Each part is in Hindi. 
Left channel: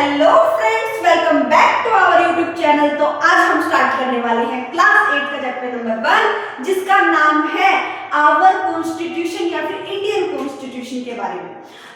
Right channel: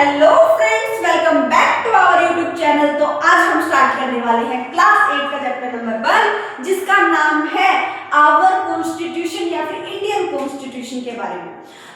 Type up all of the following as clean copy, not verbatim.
Hello friends, welcome back to our YouTube channel. तो आज हम स्टार्ट करने वाले हैं क्लास 8 का चैप्टर नंबर 1, जिसका नाम है आवर कॉन्स्टिट्यूशन या फिर इंडियन कॉन्स्टिट्यूशन के बारे में।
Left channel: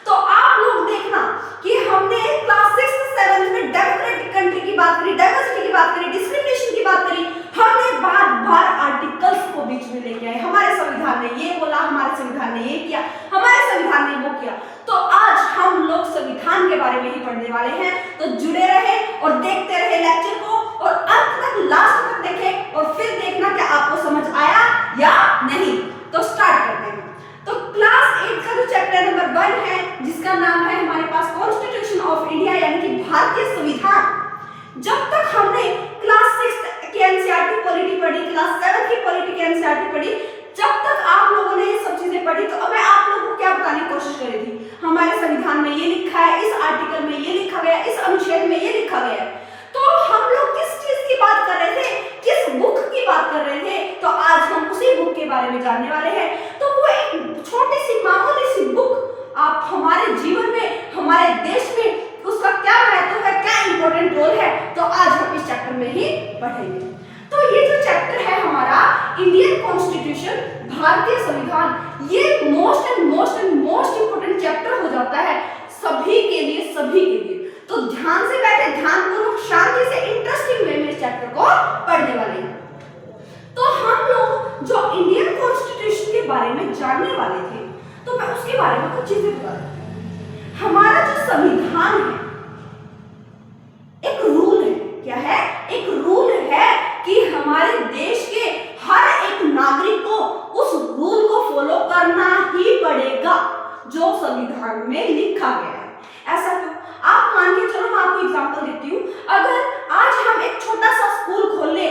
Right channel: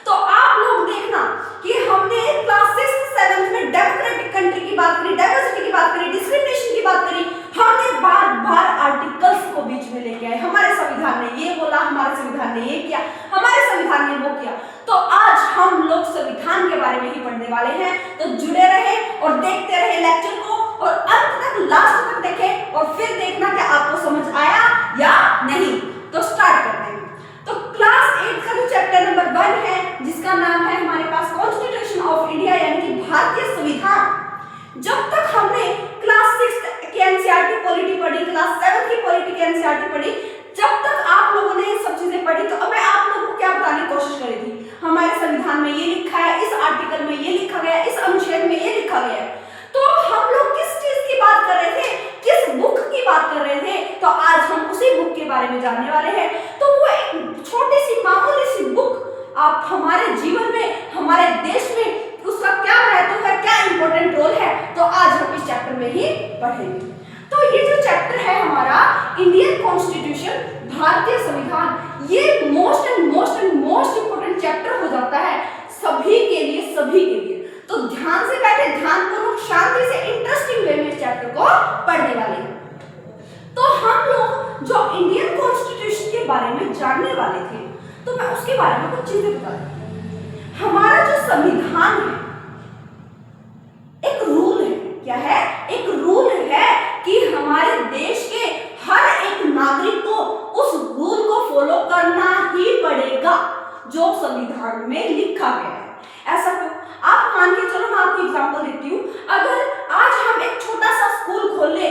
तो आप लोग देखना कि हमने क्लास 6 7 में डेमोक्रेटिक कंट्री की बात करी, डाइवर्सिटी की बात करी, डिस्क्रिमिनेशन की बात करी। हमने बार बार आर्टिकल्स को बीच में लेके आए। हमारे संविधान ने ये बोला, हमारे संविधान ने ये किया, हमारे संविधान ने वो किया। तो आज हम लोग संविधान के बारे में ही पढ़ने वाले हैं। तो जुड़े रहे और देखते रहे लेक्चर को और अंत तक, लास्ट तक देखें और फिर देखना कि आपको समझ आया या नहीं। तो स्टार्ट करते हैं। तो क्लास 8 का जो चैप्टर नंबर 1 है, जिसका नाम है हमारे पास कॉन्स्टिट्यूशन ऑफ इंडिया यानी कि भारतीय संविधान। जब तक हमने क्लास 6 की एनसीईआरटी पॉलिटी पढ़ी, क्लास 7 की पॉलिटी की एनसीईआरटी पढ़ी, जब तक आप लोगों ने ये सब चीजें पढ़ी, तो अब मैं आप लोगों को क्या बताने की कोशिश करी थी, हमारे संविधान में ये लिखा है, इस आर्टिकल में ये लिखा गया है, इस अनुच्छेद में ये लिखा गया है। तो हम लोग किस चीज की बात कर रहे थे, किस बुक की बात कर रहे थे, तो आज हम उसी बुक के बारे में जानने वाले हैं। तो वो एक छोटी सी मामूली सी बुक आप हमारे जीवन में, हमारे देश में उसका क्या महत्व है, क्या इंपॉर्टेंट रोल है, तो आज हम इस चैप्टर में ही पढ़ेंगे। तो ये जो चैप्टर है हमारा इंडियन कॉन्स्टिट्यूशन, भारतीय संविधान, ये मोस्ट मोस्ट इंपोर्टेंट चैप्टर हो जाता है सभी के लिए, सभी के लिए। तो ध्यान से बैठे, ध्यानपूर्वक, शांति से, इंटरेस्टिंग वे में इस चैप्टर को पढ़ने वाले हैं। तो हम लोग जो इंडियन कॉन्स्टिट्यूशन के बारे में जानने वाले थे, तो मैं उसके बारे में कुछ चीजें बता दूं। हमारा जो संविधान है एक रूल है। क्या है? एक रूल है कि हमारे देश के हर एक नागरिक को उस रूल को फॉलो करना ही पड़ेगा जो संविधान में लिखा गया है। ऐसा क्यों? आप मान के चलो, मैं आपको एग्जांपल देती हूँ। अगर आज हम एक छोटा सा स्कूल खोल ले,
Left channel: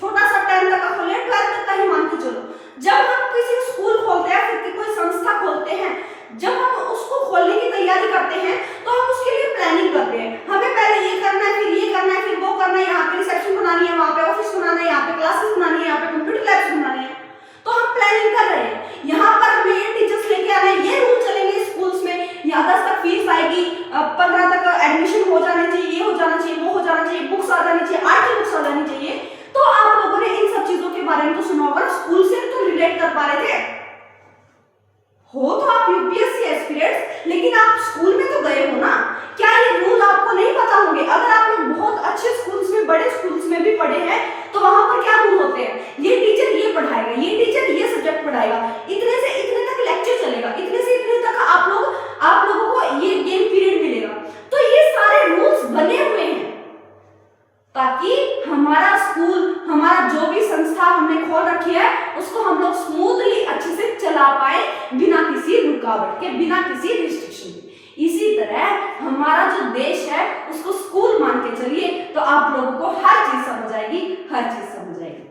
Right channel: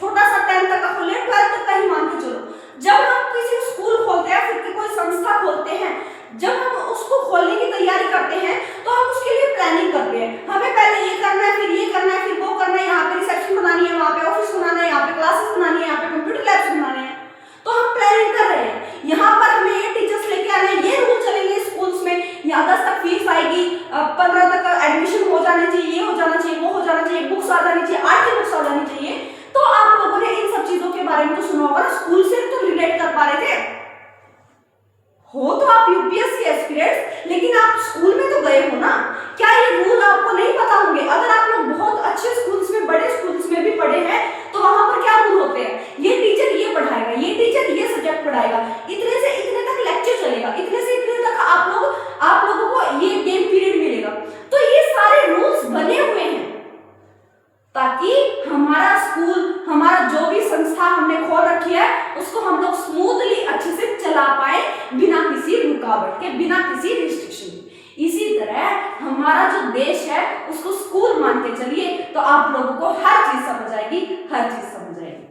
छोटा सा 10 तक का खोल ले, 12 तक का ही मान के चलो, जब हम किसी स्कूल खोलते हैं, फिर कोई संस्था खोलते हैं, जब हम उसको खोलने की तैयारी करते हैं, तो हम उसके लिए प्लानिंग करते हैं। हमें पहले ये करना है, फिर ये करना है, फिर वो करना है, यहाँ पे रिसेप्शन बनानी है, वहाँ पे ऑफिस बनाना है, यहाँ पे क्लासेस बनानी है, यहाँ पे कंप्यूटर लैब्स बनाने हैं। तो हम प्लानिंग कर रहे हैं, यहाँ पर हमें ये टीचर्स लेके आना है, ये रूल चलेंगे स्कूल्स में, यहाँ 10 तक फीस आएगी, 15 तक एडमिशन हो जाने चाहिए, ये हो जाना चाहिए, वो हो जाना चाहिए, बुक्स आ जानी चाहिए, आर्ट की बुक्स आ जानी चाहिए। तो आप लोगों ने इन सब चीजों के बारे में तो सुना होगा, स्कूल से तो रिलेट कर पा रहे थे हो, तो आप यूपीएससी एस्पिरेंट्स, लेकिन आप स्कूल में तो गए हो ना। क्या ये रूल आपको नहीं पता होंगे? अगर आप लोग बहुत अच्छे स्कूल्स में, बड़े स्कूल्स में भी पढ़े हैं, तो वहां पर क्या रूल होते हैं? ये टीचर ये पढ़ाएगा, ये टीचर ये सब्जेक्ट पढ़ाएगा, इतने से इतने तक लेक्चर चलेगा, इतने से इतने तक आप लोगों को ये गेम पीरियड मिलेगा। तो ये सारे रूल्स बने हुए हैं ताकि हमारा स्कूल, हमारा जो भी संस्था हमने खोल रखी है, उसको हम लोग स्मूथली अच्छे से चला पाए, बिना किसी रुकावट के, बिना किसी रिस्ट्रिक्शन के। इसी तरह हमारा जो देश है उसको स्कूल मान के चलिए, तो आप लोगों को हर चीज समझ आएगी, हर चीज समझ आएगी।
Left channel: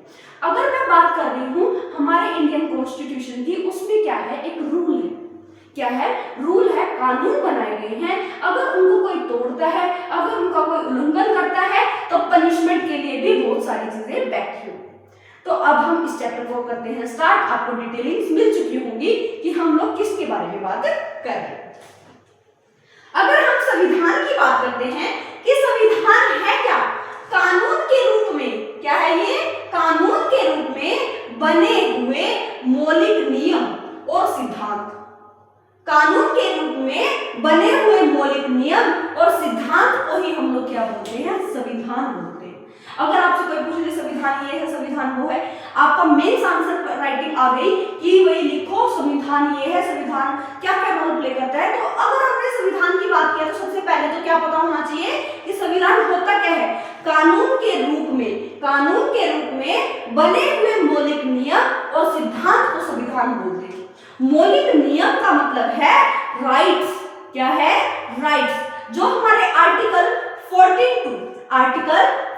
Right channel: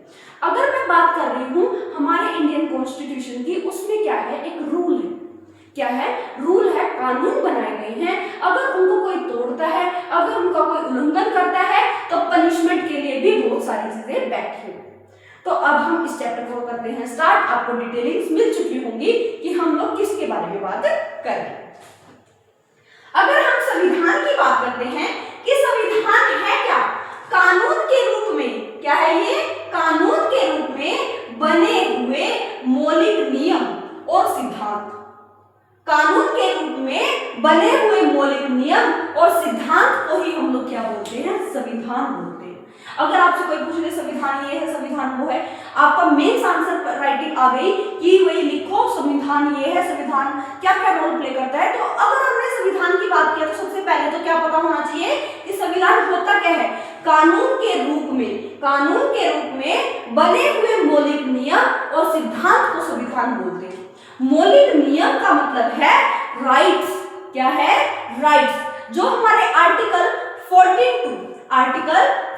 अगर मैं बात कर रही हूँ हमारे इंडियन कॉन्स्टिट्यूशन की, उसमें क्या है? एक रूल है। क्या है? रूल है, कानून बनाए गए हैं। अगर उनको कोई तोड़ता है, अगर उनका कोई उल्लंघन करता है, तो पनिशमेंट के लिए भी बहुत सारी चीजें बैठी हुई। तो अब हम इस चैप्टर को करते हैं स्टार्ट। आपको डिटेलिंग्स मिल चुकी होंगी कि हम लोग किसके बारे में बात करें। अगर हम संविधान की बात करते हैं कि संविधान है क्या? कानून के रूप में। क्या है ये? कानून के रूप में बने हुए मौलिक नियम और सिद्धांत। कानून के रूप में बने हुए मौलिक नियम और सिद्धांत को ही हम लोग क्या बोलते हैं? संविधान बोलते हैं। अगर आपसे कोई पूछ ले संविधान ये है, संविधान वो है, आपका मेन आंसर राइटिंग आ गई कि वही लिखो संविधान ये है, संविधान क्या क्या रोल प्ले करता है। तो अगर हमने संविधान की बात किया, तो सबसे पहले तो क्या पता होना चाहिए कि संविधान होता क्या है? कानून के रूप में, कानून के रूप में बने हुए मौलिक नियम और सिद्धांत को संविधान बोलते हैं। मौलिक नियम का मतलब है राइट्स। क्या है? राइट्स। जो हमारे आर्टिकल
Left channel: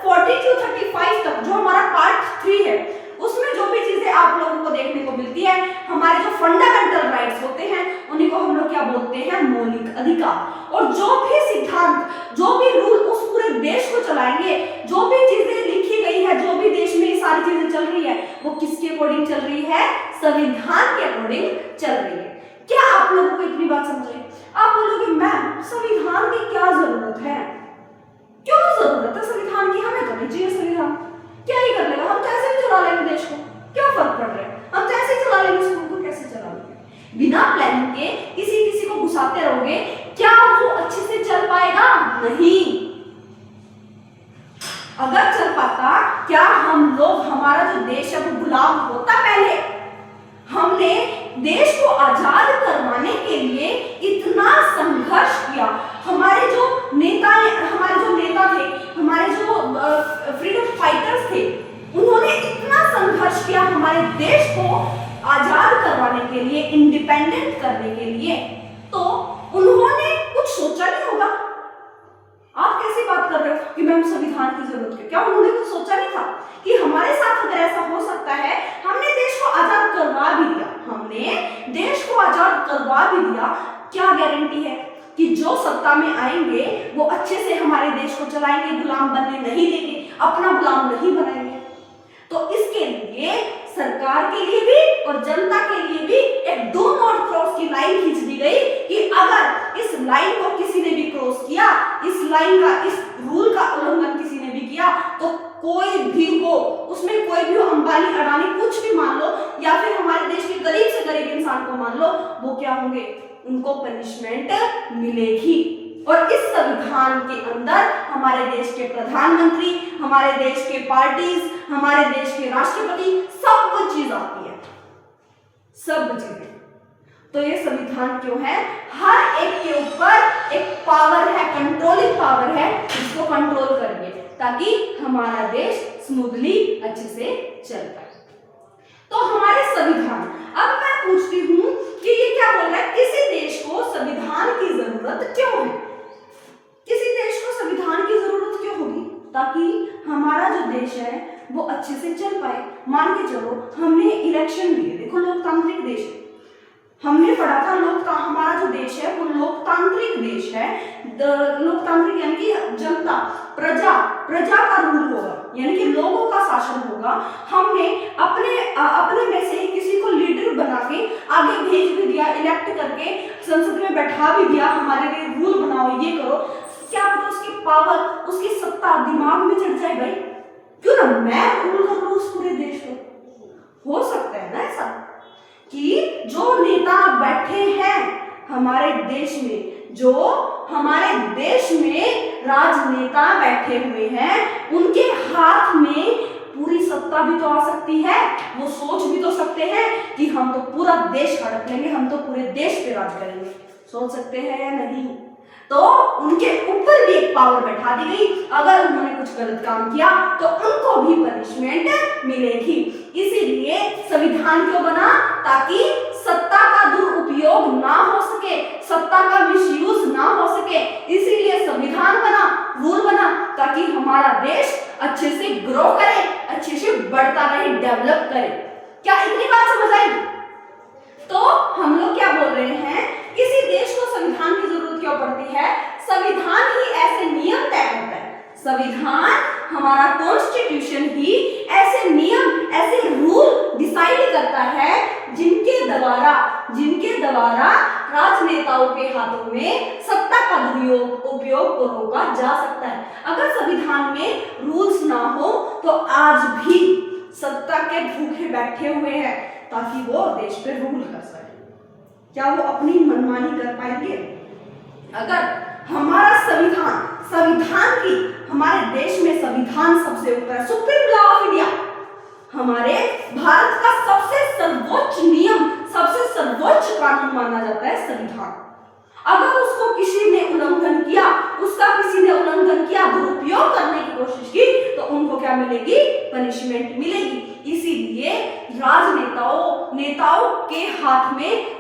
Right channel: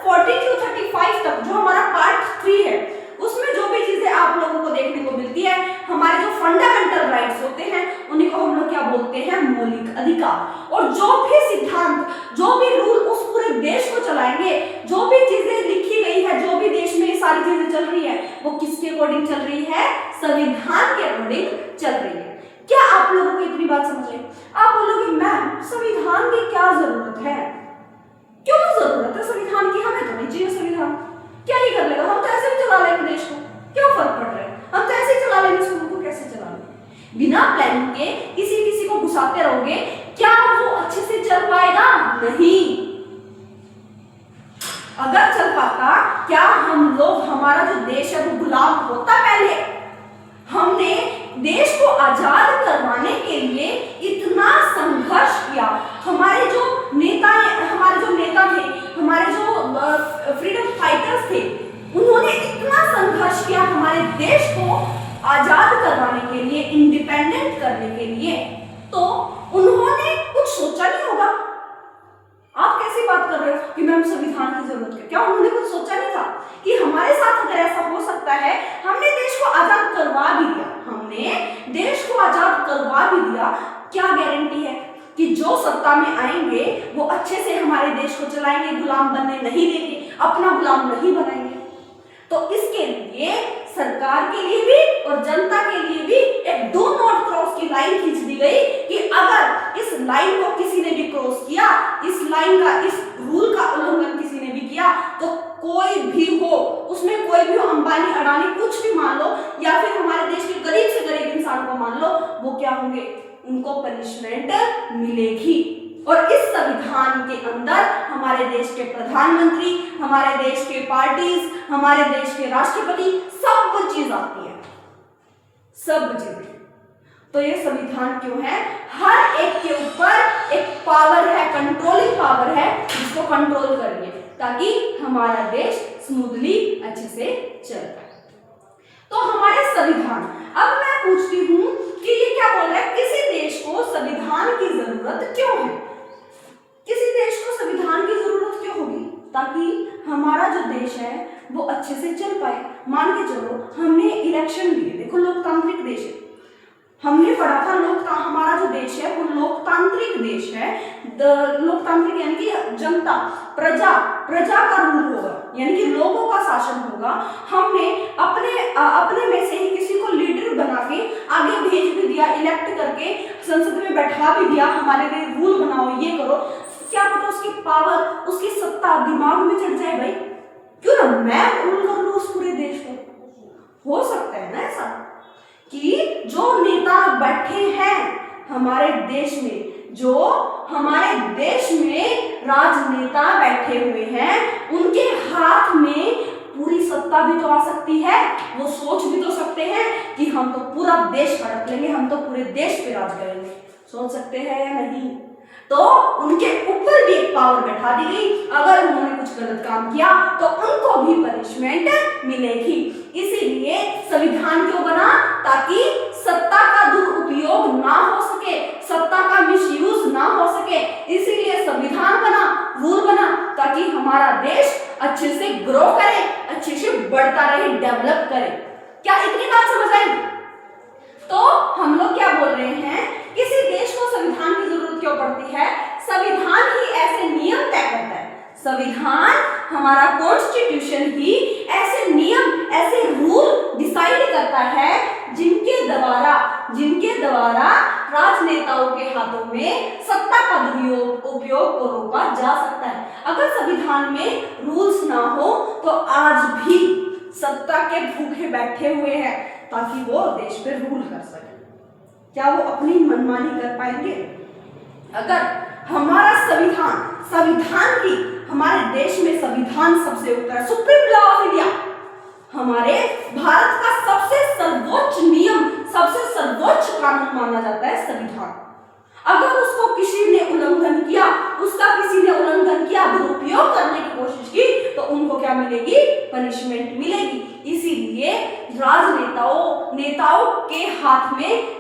40 to 35 तक, जो हमारा पार्ट 3 है, उसमें जो भी चीजें आप लोगों को देखने को मिलती है, हमारे जो फंडामेंटल राइट्स होते हैं, उन्हीं को हम लोग क्या बोलते हैं? मौलिक अधिकार। और जो भी सिद्धांत, जो भी रूल उस पूरे देश को चलाएंगे, जो भी चीजें लिखी गई है, जो भी देश में ये सारी चीजें चल रही है, वो किसके अकॉर्डिंग चल रही है? संविधान के अकॉर्डिंग चल रही है। क्या आप लोगों को इतनी बात समझ रही? आप बोलोगे मैम संविधान की क्या जरूरत है? बिना प्लानिंग के किसी किसी को घुसाते रहोगे, क्या वो अच्छे से चल पाएगा? नहीं। अगर चल पाता, क्या हम लोग, हमारा जो देश है वो गुलाम होता? पहले हमने देश को आजाद करवाने के लिए इतना संघर्ष किया। हमारे जो नेता थे, हमारे जो फ्रीडम फाइटर्स थे, उन्होंने इतना संघर्ष किया हमारे देश को आजाद करवाने के लिए, इंडिपेंडेंट करने के लिए। तो उन्होंने कुछ सोचा नहीं होगा? आप कैसी बात कर रहे हो कि मैम संविधान की जरूरत है? क्या उन्होंने कुछ सोचा नहीं था कि हमारे साथ अगर ऐसा हो सकता है? हमने देश को आजाद करवा भी दिया, क्या गारंटी है कि जो सत्ता में आएंगे वो अच्छे से हमारे देश को चलाएंगे, गुलाम बनने नहीं देंगे, अपना गुलाम नहीं बनाएंगे? तो इसके लिए सरकार के लिए भी और जनता के लिए भी एक डू नॉट क्रॉस की लाइन खींच दी गई कि अगर इस लाइन को किसी ने भी क्रॉस किया, इस रूल का उल्लंघन किसी ने भी किया, तो कोई भी हो, उसमें कोई भी हो, अंबानी अडानी कुछ भी मान लो, या फिर हमारे देश के गरीब से गरीब इंसान को मान लो, वो क्या होंगे? उनको पनिशमेंट मिलेगी। और इस संविधान के अंदर हमारे देश के प्रधानमंत्री, हमारे देश के पार्टीज, हमारे देश के राष्ट्रपति, सब चीज आती है, सब चीजें। तो ये संविधान क्यों है? हर एक के ऊपर एक पावर है, कंट्रोलिंग पावर है, जिसको कंट्रोल करिए ताकि हमारा देश स्मूथली अच्छे से चल पाए। तो हमारे संविधान, अब मैं पूछती हूं कि ये क्या बोल रहा है? किसी देश को संविधान की जरूरत क्यों है? किसी देश को संविधान की जरूरत क्यों होगी? ताकि हमारा जो देश है वो अच्छे से चल पाए। मान के चलो हमने इलेक्शन लिए, देखो लोकतांत्रिक देश है, हमने पढ़ा था हमारा जो देश है वो लोकतांत्रिक देश है। लोकतांत्रिक यानी कि जनता, प्रजा का रूल होगा, यानी कि लोगों का शासन होगा। हमने अपने में से ही किसी को लीडर बना के आगे भेज भी दिया, इलेक्ट करके संसद में बैठा भी दिया, हमारे लिए रूल बनाओ, ये करो। क्या पता उसकी पावर, उसकी सत्ता दिमाग में चढ़ जाए, भाई क्यों ना मैं रूल कर लूं उस पूरे देश को। हो सकता है ना ऐसा कि जो नेता बैठे हैं हमारे देश में, जो हमारे देश में राजनेता बैठे हुए हैं, उनके हाथ में पूरी सत्ता भी तो आ सकती है। वो सोच भी तो सकते हैं कि हम तो पूरा देश हड़प लेंगे, हम तो पूरे देश पे राज करेंगे। सोच सकते हैं या नहीं? तो उनके ऊपर भी एक पावर बैठा दी गई, अगर उन्होंने कुछ गलत काम किया तो उनको भी पनिशमेंट मिलेगी। इसीलिए संविधान क्यों बना? ताकि सत्ता का दुरुपयोग ना हो सके, सत्ता का मिसयूज ना हो सके। इसीलिए संविधान बना, रूल बना, ताकि हमारा देश अच्छे से ग्रो करे, अच्छे से बढ़ता रहे, डेवलप करे। क्या इतनी बात समझ आई? तो हम लोग क्या बोल रहे हैं, किसी देश को संविधान की जरूरत क्यों पड़ती है? संविधान ही ऐसे नियम तय करता है, संविधान हमारा कॉन्स्टिट्यूशन ही ऐसे नियम, ऐसे रूल डिसाइड करता है जिनके द्वारा राजनेताओं के हाथों में सत्ता का दुरुपयोग को रोका जा सकता है। अगर संविधान में रूल्स ना हो तो आज भी सत्ता के भूखे बैठे हुए हैं ताकि वो देश पे रूल कर सके। क्या वो अपनी मनमानी कर पाएंगे? अगर हमारा संविधान की, हमारे देश में संविधान सबसे ऊपर है, सुप्रीम लॉ ऑफ इंडिया, हमारे भारत का सबसे सर्वोच्च नियम, सबसे सर्वोच्च कानून माना जाता है संविधान। अगर उसको किसी ने उल्लंघन किया, दुरुपयोग करने की कोशिश की, तो उनको क्या मिलेगी? पनिशमेंट मिलेगी। इसीलिए नेताओं के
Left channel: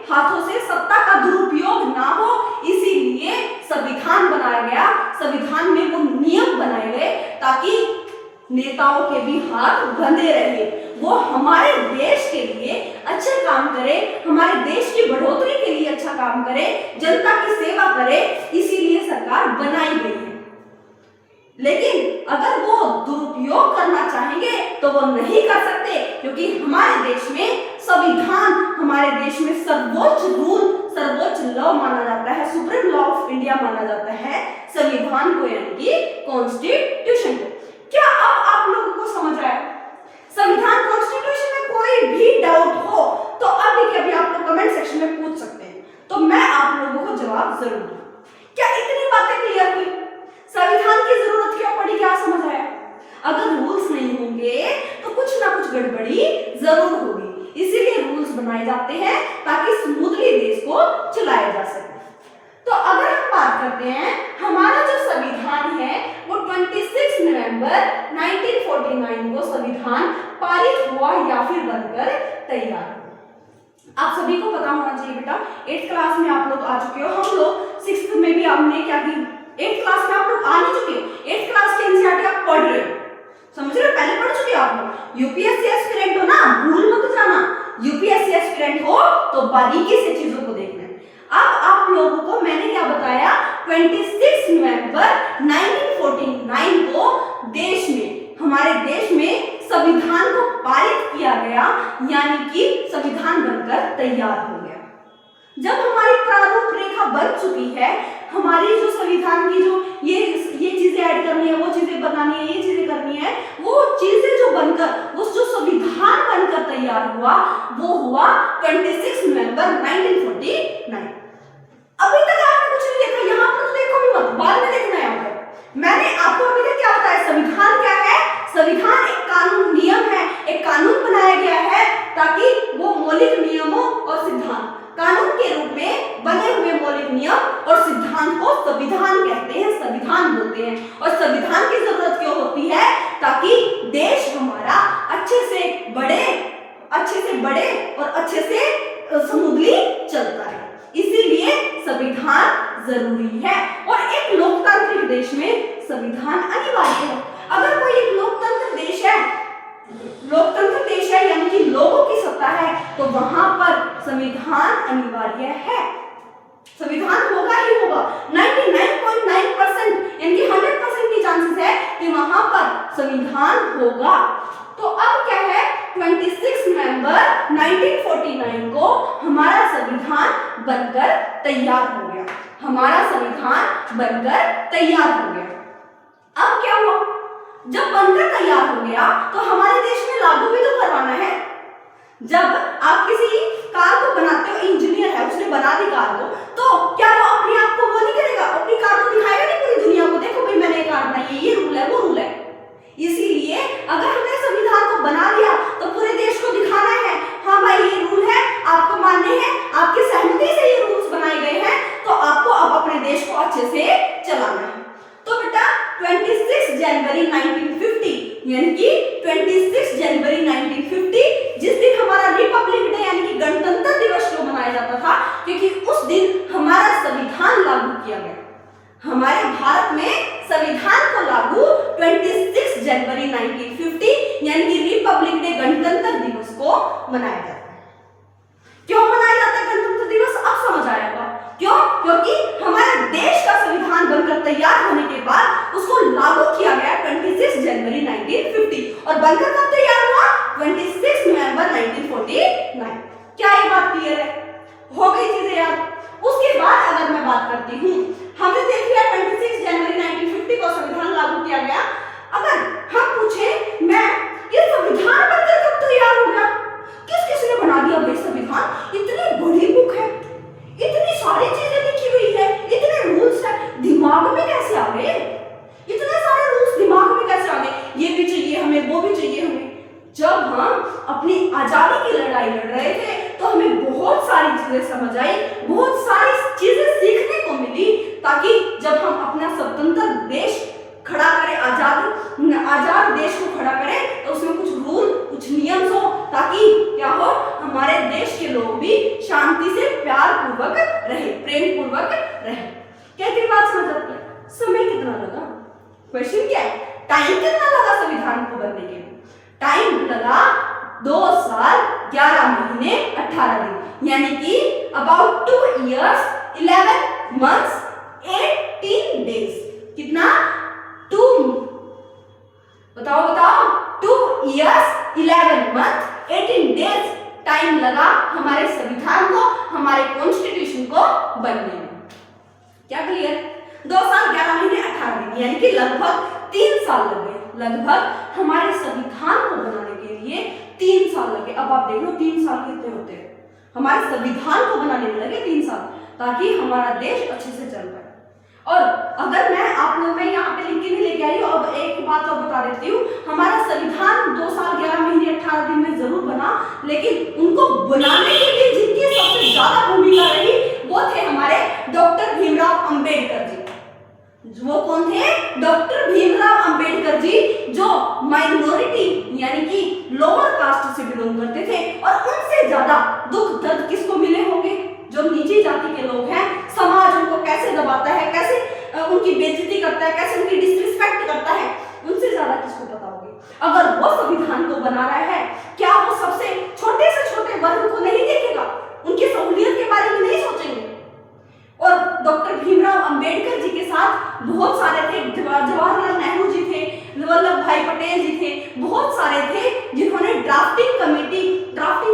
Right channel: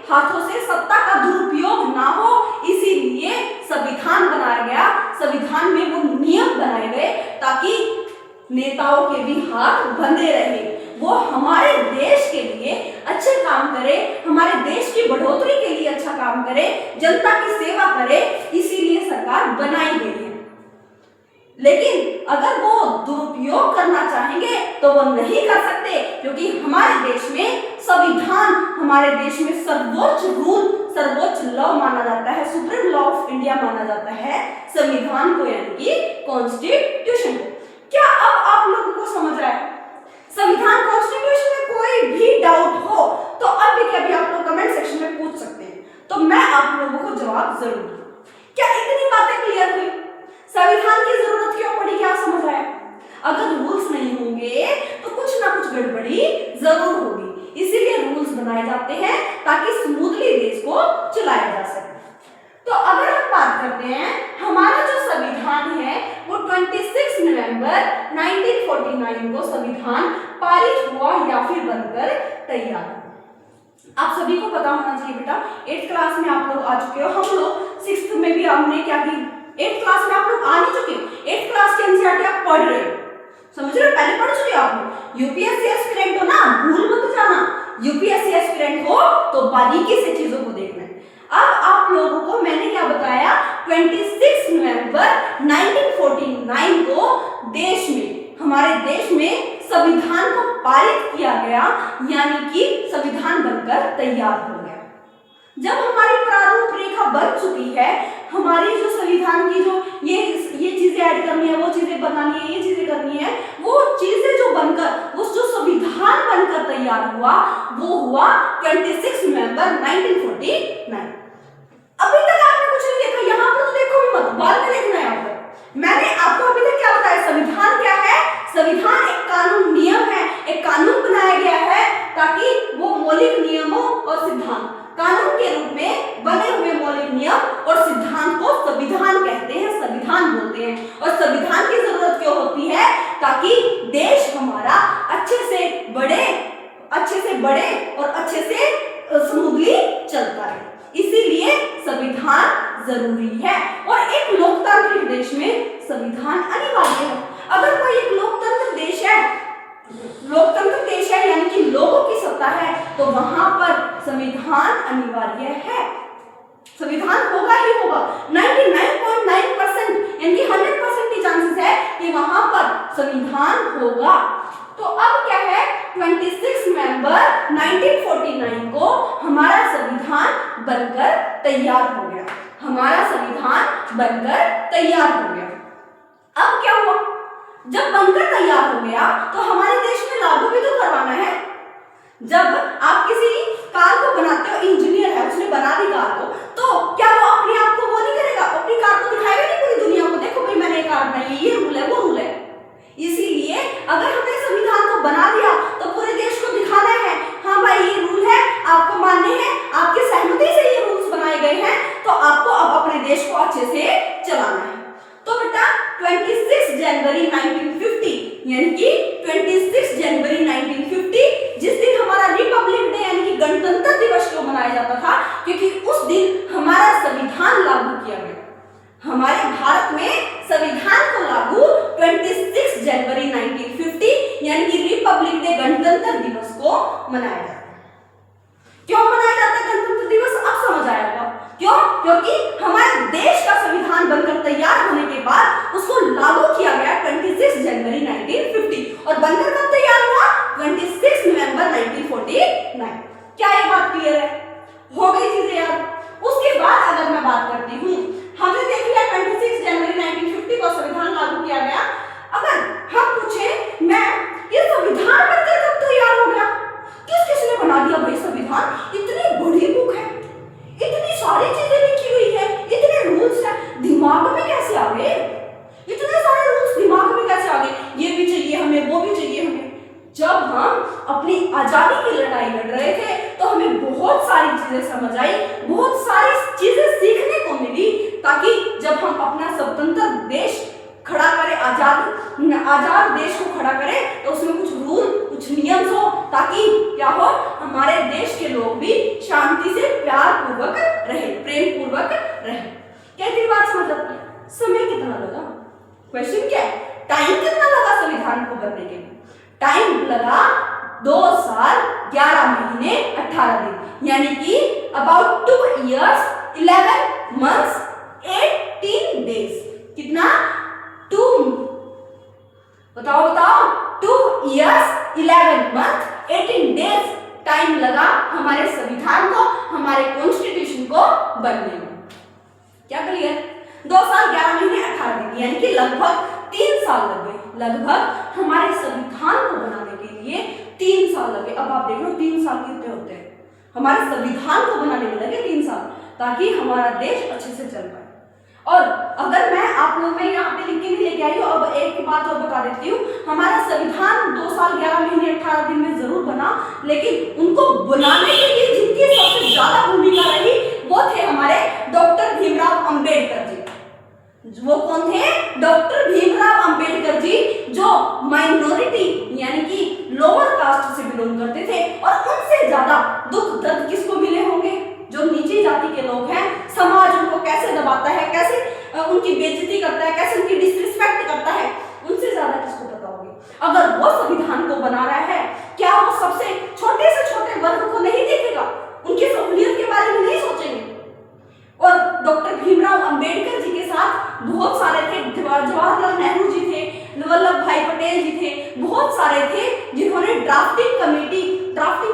हाथों से सत्ता का दुरुपयोग ना हो, इसीलिए संविधान बनाया गया। संविधान में वो नियम बनाए गए ताकि नेताओं के भी हाथ बंधे रहे, वो हमारे देश के लिए अच्छे काम करे, हमारे देश की बढ़ोतरी के लिए अच्छा काम करे, जनता की सेवा करे। इसीलिए सरकार बनाई गई है। लेकिन अगर वो दुरुपयोग करना चाहेंगे तो वो नहीं कर सकते, क्योंकि हमारे देश में संविधान, हमारे देश में सर्वोच्च लॉ माना जाता है, सुप्रीम लॉ ऑफ इंडिया माना जाता है संविधान को, यानी कि कॉन्स्टिट्यूशन को। क्या अब आप लोगों को समझ आया? संविधान, कॉन्स्टिट्यूशन में कोई भी डाउट हो तो अब देखिए अभी आप लोग कमेंट सेक्शन में पूछ सकते हैं, तो मैं आप लोगों को जवाब जरूर दूं। क्या इतनी बातें क्लियर हुई? संविधान की जरूरत क्यों पड़ी, क्या समझ आया? अगर रूल्स नहीं होंगे तो कुछ ना कुछ गड़बड़ी जरूर होगी, इसीलिए रूल्स बनाए जाते हैं ताकि स्मूथली देश को चलाया जा सके। तो अगर हम बात करते हैं, हमारा जो संविधान है वो 26 नवंबर 1949 को संविधान पारित हुआ या फिर बनकर तैयार हुआ। आप सभी को पता होना चाहिए बेटा, 8th क्लास में आप लोग आ चुके हो, हम लोग 6th में भी हमने क्या की, 8th क्लास में आप लोग आ नहीं चुके, 8th क्लास के एनसीईआरटी आप पढ़ रहे हो, समझ रहे हो, पहले पढ़ चुके हो आप लोग। यूपीएससी एस्पिरेंट हो ना, भूल मत जाना, यूपीएससी एस्पिरेंट हो तो बारीकी से चीजों को देखना है। अब आप लोगों को मैंने क्या बताया, 26 नवंबर 1949 को देश में, हमारे देश में संविधान को पारित किया गया, यानी कि संविधान बनकर तैयार हो गया। जब हमारी प्रारूप रेखा बन चुकी है, हमारी जो संविधान की जो ये चीजें ऐड करनी है, वो चीजें बनानी है, ये चीजें करनी है, वो चीजें जो बनकर, उस जो संविधान बनकर तैयार हुआ वो हुआ 26 नवंबर 1949। अभी तक आपने कुछ नहीं देखा, यहाँ पर तो देखो भी मत, बाद में देखना है। यहाँ पर मैंने आपको अभी तक क्या बताया, संविधान क्या है? संविधान एक कानून नियम है, एक कानून बनाया गया है ताकि वो मौलिक नियमों और सिद्धांत, कानून के रूप में बने हुए मौलिक नियम और सिद्धांत को संविधान कहते हैं, संविधान बोलते हैं। और संविधान की जरूरत क्यों होती है? ताकि देश हमारा अच्छे से बढ़े और अच्छे से स्मूथली चलता रहे, इसीलिए संविधान जरूरी है। और एक लोकतांत्रिक देश में संविधान अनिवार्य है। अगर कोई एक लोकतंत्र देश है यानी कि लोगों की सत्ता है, तो वहां पर संविधान अनिवार्य है, संविधान होगा ही होगा। 99.9% यानी कि 100% की चांसेस है कि वहां पर संविधान होगा। तो अब क्या है, 26 नवंबर 1949 को हमारा संविधान बनकर तैयार हो गया, हमारा संविधान बनकर तैयार हो गया। अब क्या हुआ, जब बनकर तैयार हो गया तो हमारे देश में लागू भी तो करवाना है। जब आप किसी कार को बनाते हो, इंजीनियर है उसने बना दी कार को, तो क्या वो अपने आप को वो नहीं करेगा, अपनी कार को दिखाएगा नहीं पूरी दुनिया को, देखो भाई मैंने ये कार बनाई है, ये रूल है वो रूल है। इसीलिए अगर हमने संविधान को बना दिया तो पूरे देश को दिखाना है, हाँ भाई ये रूल है, आपको मानने हैं, आपकी सहमति से ये रूल्स बनाए गए हैं, तो आपको अब अपने देश को अच्छे से चलाना है। तो बेटा 26 जनवरी 1950 यानी कि 26 जनवरी 1950 जिस दिन हमारा रिपब्लिक डे यानी कि गणतंत्र दिवस क्यों मनाया जाता था, क्योंकि उस दिन हमारा संविधान लागू किया गया। हमारे भारत में संविधान को लागू 26 जनवरी 1950 यानी कि रिपब्लिक डे गणतंत्र दिवस को मनाया जाता है। क्यों मनाया जाता है गणतंत्र दिवस, अब समझ आया होगा क्यों, क्योंकि हमारे देश का संविधान बनकर तैयार होने के बाद उसको लागू किया गया 26 जनवरी 1950 और बनकर कब तैयार हुआ, 26 नवंबर 1949। क्या ये बात क्लियर है, हो गई चीजें याद। उसके बाद अगर मैं बात करती हूँ, हमने देख लिया 26 जनवरी 1950 को संविधान लागू किया गया। अगर हम पूछे मैं, ये संविधान बनकर कब तैयार हो गया, किसने बना दिया भाई संविधान, इतनी बड़ी बुक है, इतनी सारी चीजें लिखी हुई है, इतने रूल्स है, दिमाग में कैसे आ गए, इतने सारे रूल्स दिमाग में कैसे आ गए, ये भी चाहिए हमें, वो भी चाहिए हमें। जब हम अपनी आजादी की लड़ाई लड़ रहे थे तो हमें बहुत सारी चीजें समझ आई, बहुत सारी चीजें सीखने को मिली, ताकि जब हम अपना स्वतंत्र देश खड़ा करें, आजाद देश को खड़ा करें, तो उसमें कुछ रूल, कुछ नियम हो, ताकि क्या हो, हमारे देश के लोग भी शांति से प्यार पूर्वक रहे, प्रेम पूर्वक रहे। कहती बात समझ आती है। समय कितना लगा, क्वेश्चन क्या है, टाइम कितना लगा संविधान को बनने के लिए? टाइम लगा 2 साल 11 महीने 18 दिन यानी कि अबाउट 2 years 11 months 18 days। कितना, 2 बताओ 2 years 11 months 18 days टाइम लगा हमारे संविधान को, हमारे कॉन्स्टिट्यूशन को बनने में। क्या क्लियर? 2 साल 11 महीने 18 दिन यानी कि लगभग 3 साल लगे, लगभग हमारे संविधान को बनाने के लिए 3 साल लगे। अब आप देख लो 3 साल कितने होते हैं, हमारे संविधान को बनाने में लगे 3 साल, ताकि हमारा देश अच्छे से चल पाए। और अगर मैं आप लोगों में यहाँ पे लिख के नहीं लेके आई हूँ, अब एक बात और बता देती हूँ, हमारा संविधान 2 साल 11 महीने 18 दिन में जरूर बना, लेकिन उनको बनाने के लिए जिनकी सबसे ज्यादा भूमिका रही वो थे हमारे डॉक्टर भीमराव अंबेडकर जी। वो कौन थे? डॉक्टर भीमराव अंबेडकर जी, जो माइनॉरिटी यानी कि लोअर कास्ट से बिलोंग करते थे, और उनसे ज्यादा दुख दर्द किसको मिले होंगे? जो नीची जाति के लोग हैं, समाज उनको कैसे दबाता है, कैसे उनकी बेइज्जती करता है, कैसे उनकी डिसरिस्पेक्ट करता है, उनसे ज्यादा किसको पता होगी? अगर वो संविधान को बना रहा है, क्या वो सबसे छोटे से छोटे वर्ग को नहीं देखेगा? उनकी सहूलियत के बारे में नहीं सोचेंगे? और डॉक्टर भीमराव अंबेडकर जी के साथ बहुत सारे थे, जवाहरलाल नेहरू जी थे, वल्लभ भाई पटेल जी थे, बहुत सारे थे जिन्होंने ड्राफ्टिंग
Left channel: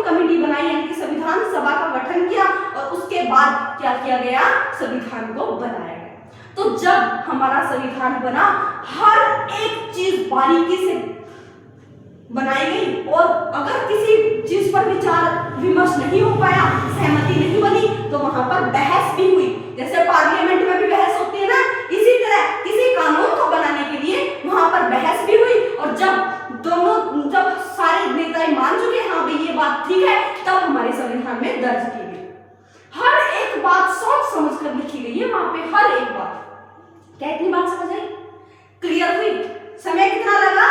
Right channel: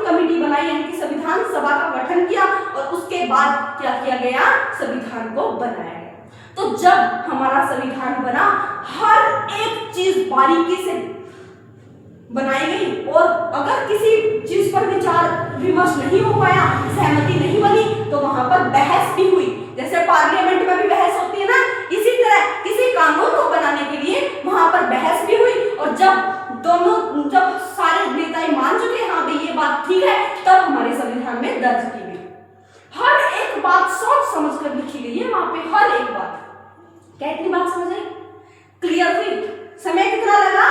कमेटी बनाई, यानी कि संविधान सभा का गठन किया, और उसके बाद क्या किया गया? संविधान को बनाया गया। तो जब हमारा संविधान बना, हर एक चीज बारीकी से बनाई गई, और अगर किसी चीज पर विचार विमर्श नहीं हो पाया, सहमति नहीं बनी, तो वहां पर बहस भी हुई। जैसे पार्लियामेंट में भी बहस होती है ना, इसी तरह किसी कानून को बनाने के लिए वहां पर बहस भी हुई, और जब सारे नेता मान चुके हाँ भाई ये बात ठीक है, तब हमारे संविधान में दर्ज की गई। हर एक बात सोच समझ कर लिखी गई है वहां पे, हर एक बात। क्या इतनी बात समझ आई? क्लियर हुई? समय कितना लगा?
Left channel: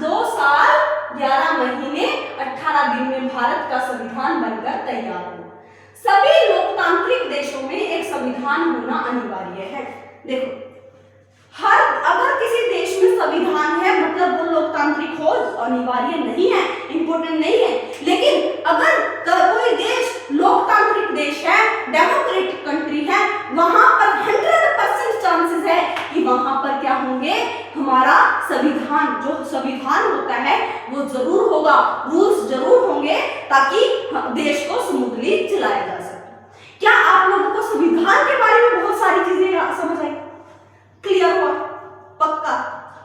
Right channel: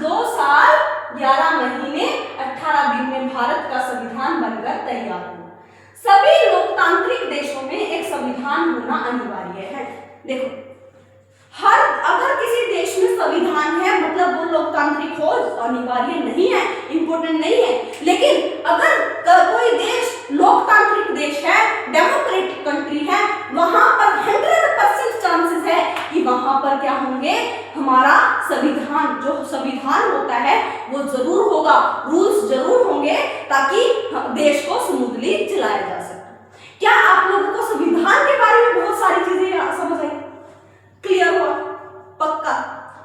2 साल 11 महीने 18 दिन में भारत का संविधान बनकर तैयार हुआ। सभी लोकतांत्रिक देशों में एक संविधान होना अनिवार्य है। देखो, अगर किसी देश में संविधान है मतलब वो लोकतांत्रिक हो, अनिवार्य नहीं है, इंपॉर्टेंट नहीं है। लेकिन अगर कोई देश लोकतांत्रिक देश है, डेमोक्रेटिक कंट्री है, वहां पर 100% चांसेस है कि वहां पर क्या होंगे? हमारा संविधान, जो संविधान होता है वो जरूर होगा, रूल्स जरूर होंगे, ताकि देश को स्मूथली चलाया जा सके। क्या आप लोगों को संविधान के बारे में बहुत सारी चीजें समझ आई? क्लियर हुआ? पक्का?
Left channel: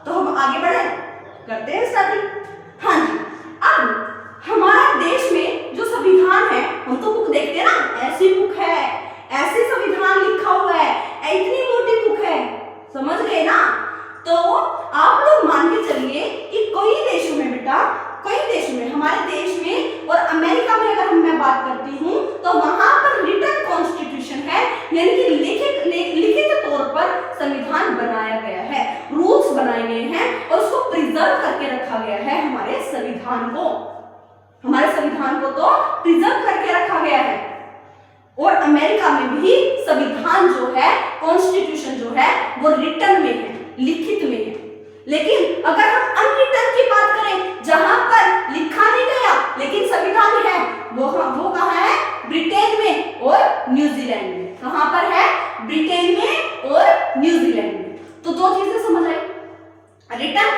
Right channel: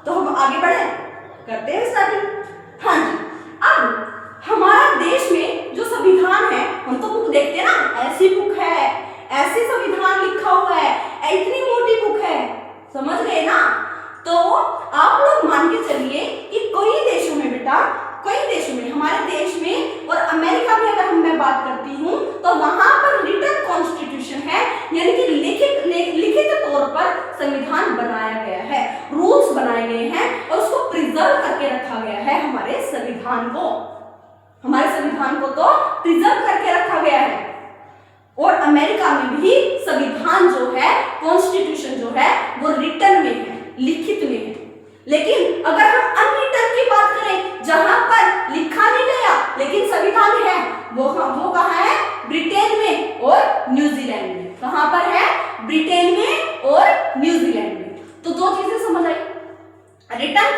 तो हम आगे बढ़े, करते हैं स्टडी। हाँ जी, अब हमारा देश में जो संविधान है, हम तो बुक देखते हैं ना, ऐसी बुक है, ऐसे संविधान लिखा हुआ है, इतनी मोटी बुक है, समझ गए ना? तो आप लोग मान के चलिए कि कई देशों में बेटा, कई देशों में, हमारे देश में और अमेरिका में अगर मैं बात करती हूँ, तो वहां पर रिटन कॉन्स्टिट्यूशन है, यानी कि लिखित तौर पर संविधान बनाया गया है, रूल्स बनाए गए हैं, और उसको प्रिजर्व करके रखा गया है। हमारे संविधान को तो प्रिजर्व करके रखा गया है। और अमेरिका में भी संविधान जो है, कॉन्स्टिट्यूशन जो है, वो रिटन में है, लिखित में है। लेकिन अगर हम अनरिटन की बात करें, जहां पर लिखा नहीं गया लेकिन संविधान है, वो कहां है? ब्रिटेन में और न्यूजीलैंड में। कहां पर है? ब्रिटेन में और न्यूजीलैंड में। तो 2 चीजें समझ आई, रिटन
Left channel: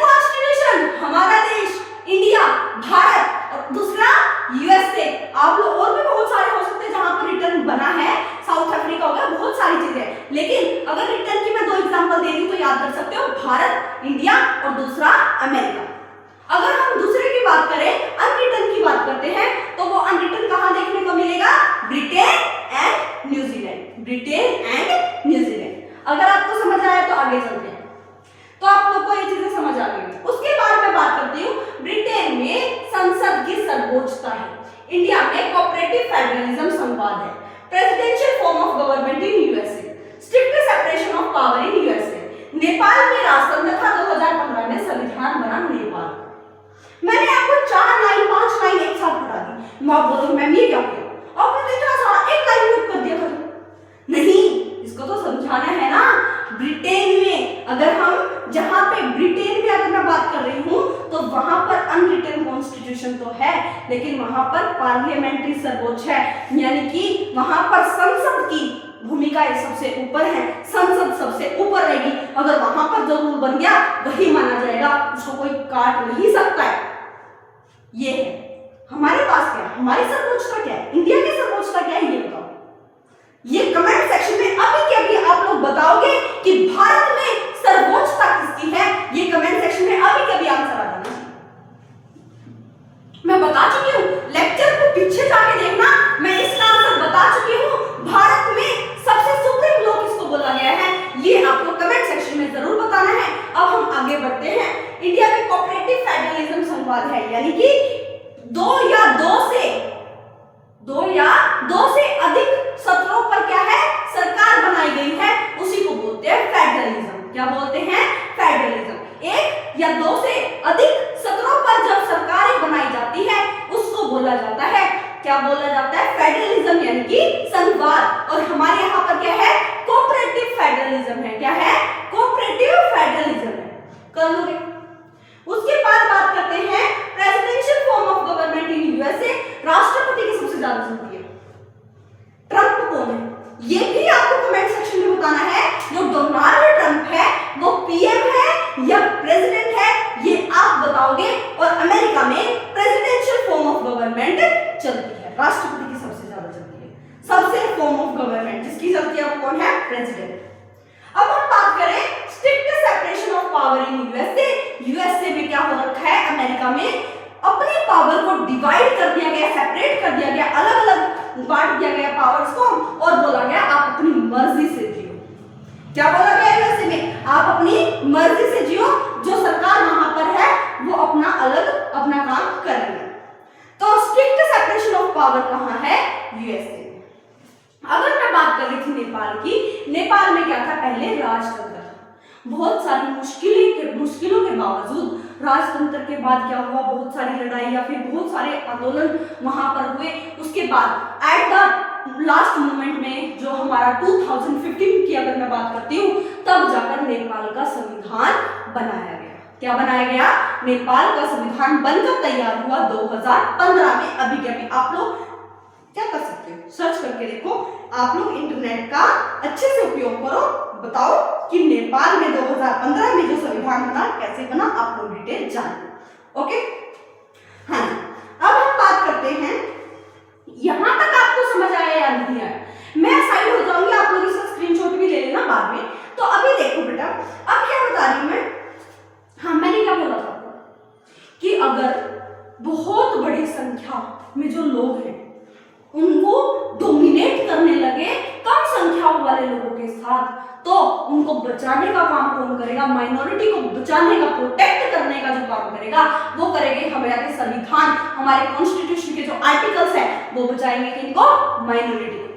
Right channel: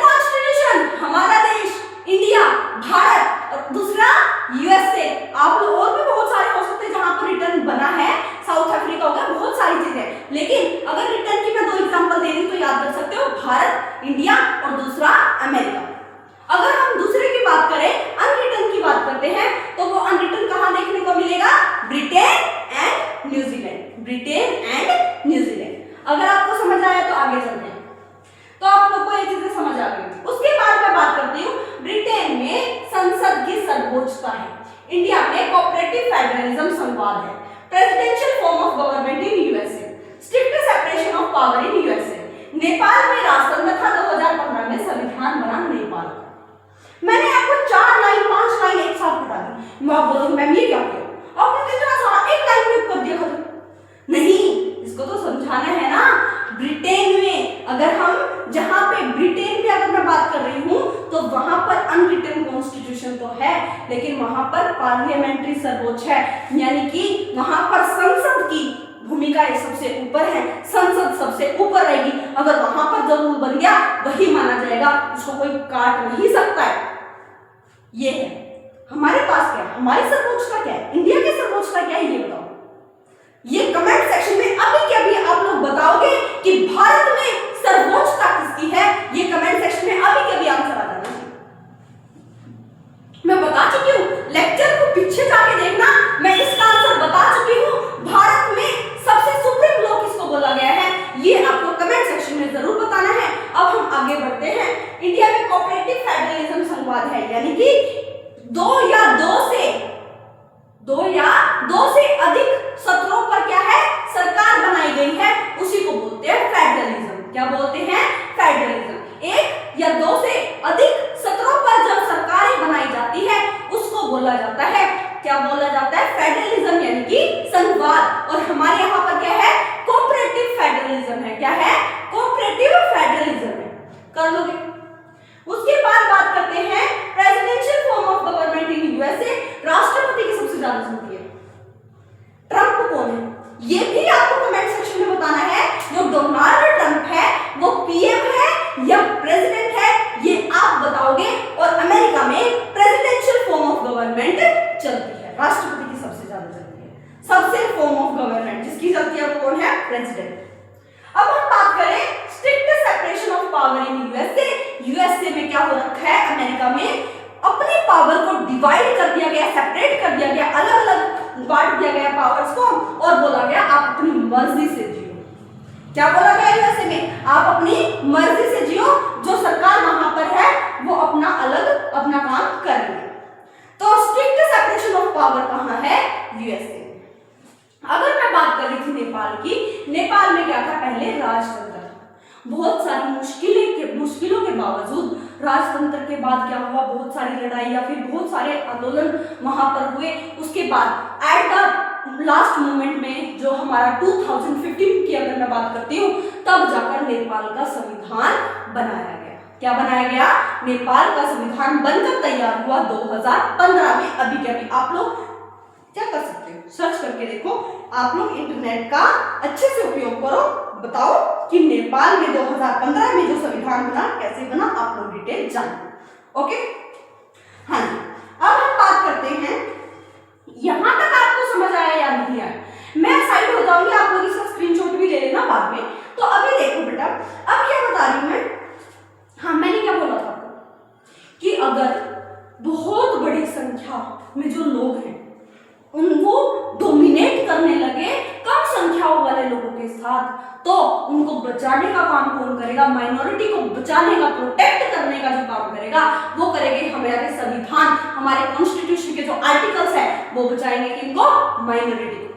कॉन्स्टिट्यूशन हमारा देश इंडिया, भारत, और दूसरा यूएसए। आप लोग और भी बहुत सारे हो सकते हैं जहां पर रिटर्न बना है, साउथ अफ्रीका होगा, बहुत सारी चीजें। लेकिन अगर रिटर्न की मैं 2 एग्जांपल दे रही हूं तो याद कर सकते हो, भारत, इंडिया, और दूसरा अमेरिका। अगर हम दूसरे की बात करें, अनरिटन की बात करते हैं, तो वो अनरिटन कहां देखने को मिलेगा? Britain and New Zealand. अगर आपको समझ आया तो आगे चलते हैं। तो आप लोग को ये चीजें समझ आ गई। उसके बाद मैं बात करती हूँ, ब्रिटेन में संसद की सर्वोच्चता है, इंडिया में कोऑपरेटिव फेडरलिज्म संवाद है, presidential form of government in USA, strict separation of power in USA, Nepal में राजतंत्र था, 2015 में संविधान बना नेपाल का। मैंने आपको 4 लाइन 5 लाइन एक साथ पढ़ा दी, मैं बोलूं मैम ये क्या किया, और मैंने इतना सारा एक लाइन में कर दिया खत्म। नहीं, इसको तो समझाना है ना। ब्रिटेन में अगर हम, जहां पे ब्रिटेन में अगर मैं बात कर रही हूं, तो वहां पर अनरिटन कॉन्स्टिट्यूशन तो है, लेकिन वहां पर पार्लियामेंट्री सर्वोच्च है, यानी कि वहां पर संसद की भूमिका सबसे ऊपर है, संसद सबसे ऊपर रहेगी। अगर वहां पर जो रूल बन गया वही माना जाएगा, उसको कोई काट नहीं सकता है। ये है हमारे पास क्या है, हमारी सर्वोच्चता क्या है, इंडिया की सर्वोच्चता क्या है, ये बताओ। ये कमेंट सेक्शन में अभी के अभी आप लोग बताओगे कि भारत में सर्वोच्चता किसकी है, ये कमेंट सेक्शन में अभी के अभी आंसर आ जाना चाहिए। मैं बता चुकी हूं पीछे जाके देखना, मैं इसका आंसर बता चुकी हूँ। भारत में सबसे सुप्रीम लॉ किसको बोला गया है, ये आपको कमेंट सेक्शन में जरूर बताना है। अब हम आगे बढ़ते हैं। इंडिया में कोऑपरेटिव फेडरलिज्म संवाद है, यानी कि दो या दो से अधिक सत्रों पर क्या है, सरकार बनाई गई है, उसी को बोलते हैं फेडरलिज्म। क्या बोलते हैं, फेडरलिज्म। एक या दो से अधिक सत्रों पर जब सरकारें बनाई जाती है उसको बोला जाता है, क्या बोला जाता है, फेडरलिज्म, यानी कि संघवाद। और हमारे यहाँ पर क्या है, कोऑपरेटिव फेडरलिज्म है। क्या है, कोऑपरेटिव फेडरलिज्म है। कर लोगे। उसके बाद बात करते हैं presidential form of government in USA. राष्ट्रपति की सबसे ज्यादा सुनती है, ट्रंप कौन है, ये भी आपको कमेंट सेक्शन में बताना है। जो डोनाल्ड ट्रंप है वो पीएम है या प्रेसिडेंट है, ये आप बताओगे। और अमेरिका में प्रेसिडेंशियल फॉर्म ऑफ गवर्नमेंट चलती है, राष्ट्रपति की सबसे ज्यादा चलती है। सबसे फॉर्म ऑफ गवर्नमेंट जिसकी चलती है वो कौन है, प्रेसिडेंट। अब हम बात करें strict separation of power in USA. USA में क्या हो रखा है, अमेरिका में अपनी पावर को डिवाइड कर दिया गया, सेपरेट कर दिया गया, अलग अलग बांट दिया गया पावर्स को, और बोला गया आप अपनी मर्जी से जियो। क्या बोला गया यूएसए में, आप अपनी मर्जी से जियो, जो सरकार वहां पर है वो अपना अलग अपना काम कर रही है। तो स्ट्रिक्ट सेपरेशन ऑफ पावर कहां है, यूएसए। अगर मैं बात कर रही थी नेपाल की, नेपाल में क्या था, पहले राजतंत्र था। बहुत सारी मुश्किलों के बावजूद राजतंत्र के बाद क्या हुआ, बहुत सारी लड़ाई या फिर बहुत सारे आंदोलन वहां पर हुए। उसके बाद एट द लास्ट मोमेंट में जो हमारा 2015 की अगर मैं बात करती हूँ, तब जाकर नेपाल का संविधान बनाया गया। क्या बनाया गया, नेपाल का संविधान बनकर तैयार हुआ 2015 में। अभी क्या, आप लोग क्या कर सकते हो, सर्च करके देखो। आप लोग इंटरनेट का अच्छे से उपयोग करो, बताओ कि नेपाल में 2015 में जो संविधान बना कैसे बना, आप लोग डिटेल जानो। ओके, हाँ। अब हम बात करते हैं, यहां तक आपको समझ आया या नहीं आया, मैं साइड हो जाऊंगी, आप लोग इसका स्क्रीनशॉट भी ले लेना बाद में। तो अभी देखो बेटा, अब क्या बता रही हूं मैं, हाँ मैंने क्या बोला था आपको कि अगर बहुत बड़ी संख्या में जो लोग हैं उनको डोमिनेट करने लगे कम संख्याओं वाले लोगों के साथ, तो उनको बचाने का काम कौन करेगा, माइनॉरिटी को बचाने का, प्रोटेक्ट करने का जो काम करेगा वो करेंगे हमारे संविधान, हमारे कॉन्स्टिट्यूशन के जो आर्टिकल्स है वो बचाएंगे किनको, माइनॉरिटी को।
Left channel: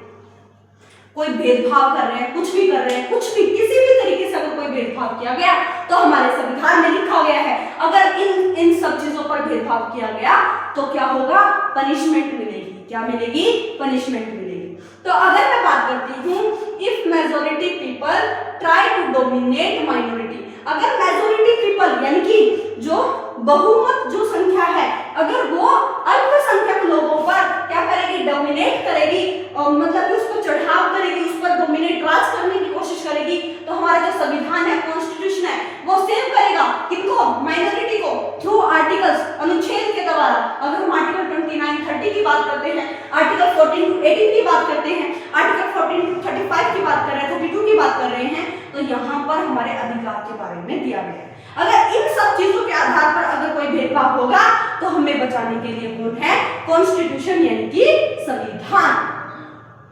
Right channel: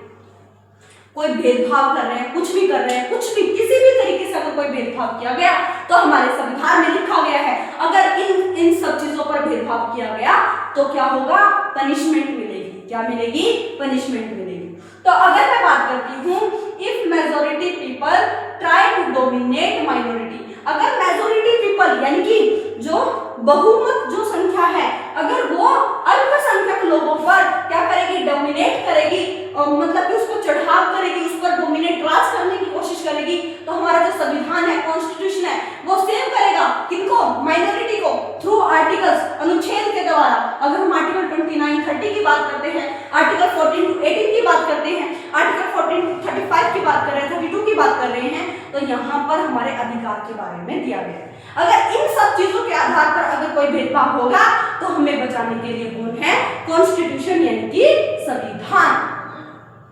कोई भेदभाव कर रहे हैं, कुछ भी कर रहे हैं, कुछ भी किसी भी तरीके से अगर कोई भेदभाव किया गया तो हमारे संविधान में लिखा गया है, अगर इन सब चीजों पर भेदभाव किया गया तो क्या होगा, पनिशमेंट मिलेगी। क्या मिलेगी, पनिशमेंट मिलेगी। तो अगर मैं बात करती हूँ, if majority people try to dominate minority, अगर मेजॉरिटी पीपल यानी कि जो बहुमत जो संख्या है, अगर वो अल्पसंख्यक लोगों पर क्या करेगी, डोमिनेट करेगी, और मतलब कि उसको चढ़ाव करेगी, उस पर डोमिनेट राज करने की कोशिश करेगी, तो हमारा जो संविधान है, कॉन्स्टिट्यूशन है, वो सेव करेगा किनको, माइनॉरिटी को, थ्रू आर्टिकल्स, अनुच्छेद के द्वारा। अगर हम आर्टिकल 29, 30 की बात करते हैं, आर्टिकल 14 to 18 की बात करते हैं, आर्टिकल 14 to 35 की बात कर रहे हैं, 32 की बात कर रहे हैं, तो यहाँ पर हमारे अधिकार के बारे में दिया गया है। अगर इन सब चीजों के आधार पर अगर कोई भेदभाव होगा तो हमें बचाने के लिए कौन है, कॉन्स्टिट्यूशन यानी कि संविधान।